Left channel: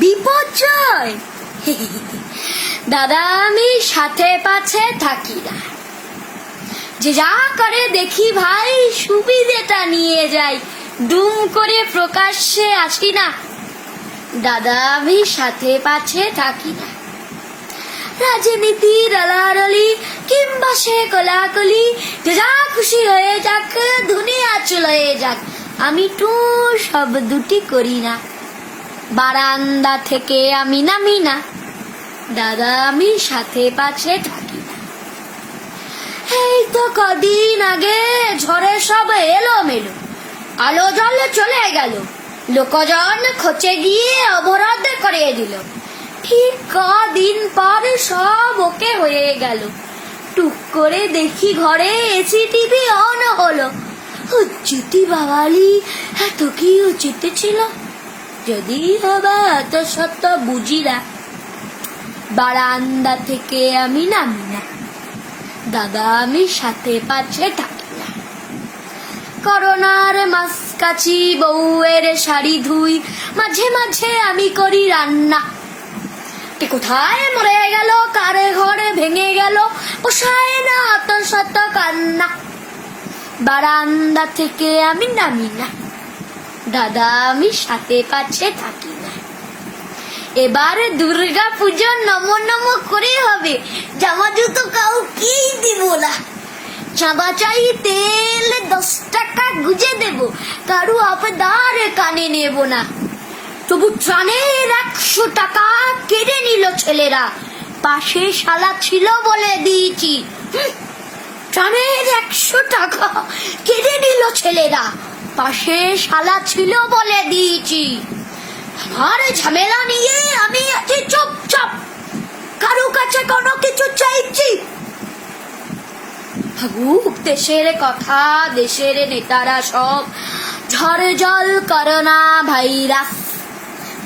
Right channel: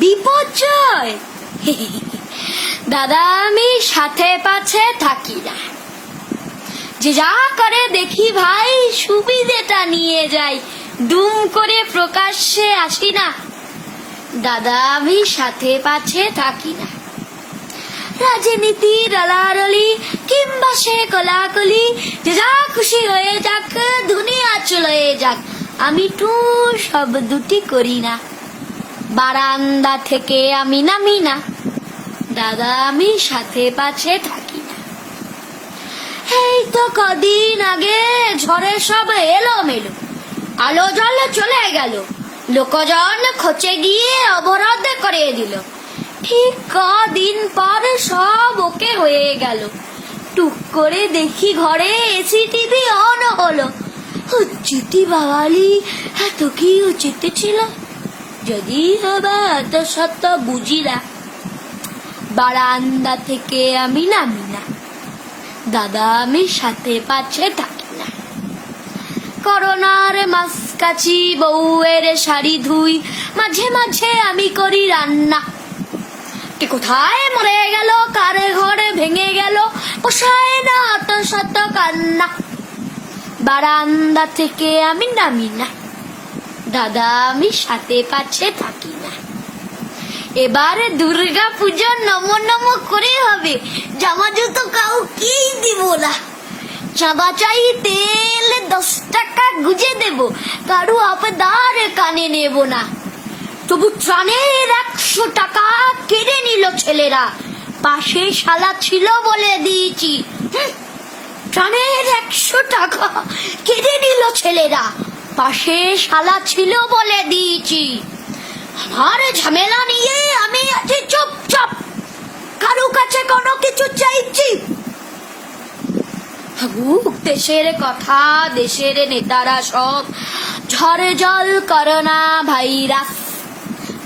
বিপর্যয়। দাদা, আমি সাথে পাছে থাকি না। যে যা করে দেখি ভাই, সুবিধেটা নিয়ে যাই। ডুম করে প্রকাশ্যে আসি না। দাদা, আমি সাথে পাছে থাকি না। রাজনীতি রলারলি কিংবা সে কলাকলি, যে খুশি হয়ে যাক, দুনিয়া চলে যাক। আমি টু সব দুটি করি না। বারান্দা থেকে আমি নামি না। দাদা, আমি সাথে পাছে থাকি না। এই তো কদিন আগে ঝড়ে সব এলো মেলো আলো জলে চলে গেল। লোকজন খোঁচে গিয়ে অবরোধ করে দিল। ঠিক কদিন পর সব ওকে হয়ে গেল। টুক করে দেখি ঘরে এসি টিভি অন হলো। উচিতি বাঙালি, এত কি উচিত ছিল? যদি হবা এত সত্য বুঝি না। বারান্দা থেকে আমি নামি না। দাদা, আমি সাথে পাচ্ছে থাকি না। করোনার মাসকাছি বউয়ের শাড়ি ধুই, মাঝে মাঝে আমি করি রান্না। কোথায় মরে গেল, কারে ঘরে ভেঙে গেল, পোষায় না অত শত কান্না। বারান্দা থেকে আমি নামি না। দাদা, আমি সাথে পাচ্ছে থাকি না। এবারে দুর্গা পুজো নম নম করে হবে। জামা জুতো কাউকেই দিব না। চাঁদা চাই তেল দশ টাকা গুজে দেব। কারু আবেদার কানে নেব না। তবু ত্রাণের একশো টাকা কেড়ে নিল ছেলেরা। পাশে শালা ছিল বলে দিয়েছি। ত্রাণের একশো টাকা কেড়ে নিল ছেলেরা। পাশে শালা ছিল বলে দিয়েছি। আমার ঝামেলা নিয়ে আমি আছি চুপচাপ, কারও কাছে কোনো কিছু চাইছি। দেশের কথা, দেশের নেতারা সব ঝড়ে জল করোনা ভাইরাস।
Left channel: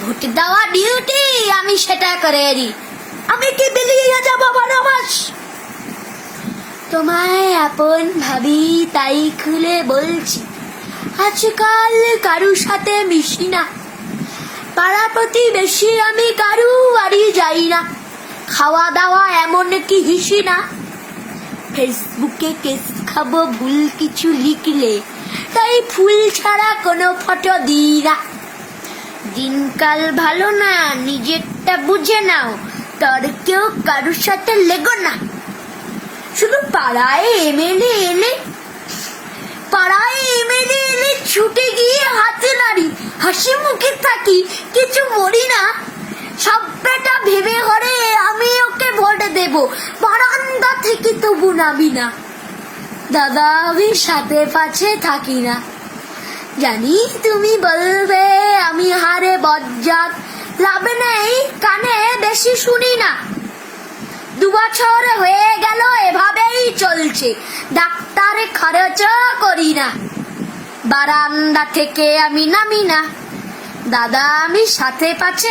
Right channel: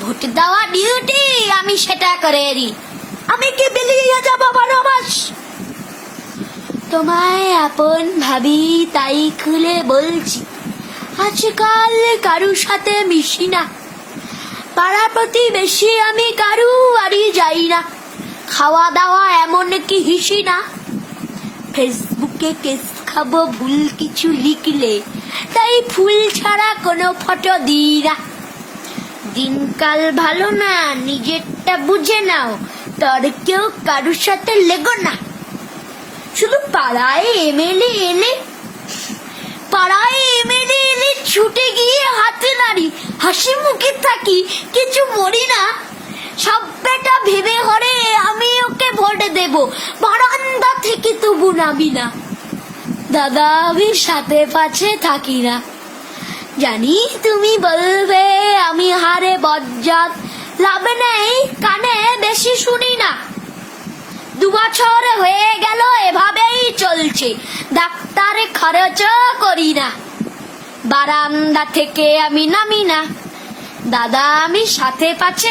ভোট দেওয়া ডিউটি আমি সেটা করে দিই। আমি কি বেরিয়ে যাব বনবাস? তোমায় আপন ভাবি তাই খুলে বলছি। আজকাল কারুর সাথে মিশি না। পাড়া প্রতিবেশী আমি কারু বাড়ি যাই না। খাওয়া দাওয়া এমন কি হিসি না। ফেসবুকে কেস খাব ভুল কিছু লিখলে, তাই ফুল ছাড়া কোনো ফটো দিই না। দিনকাল ভালো না, নিজেরটা বুঝে নাও তোর কেউ কারুর সাথে লেগো না। শুধু পাড়ায় এমএলএ এলে হাসি মুখে থাকি, কিছু মরি না। সব বেটা ভেবে হরে আমি ওকে ভোট দেব। বারান্দা থেকে তবু নামি না। দাদা আমি সাথে পাছে থাকি না। জানি তুমি বলবে আমি হারে বজ্জাত। লাভ নেই, কানে বেশি শুনি না। দু বছর হয়ে গেল, এভাবেই চলছে। ডাক্তারে খরচ করি না। বারান্দা থেকে আমি নামি না। দাদা আমি সাথে পাচ্ছে।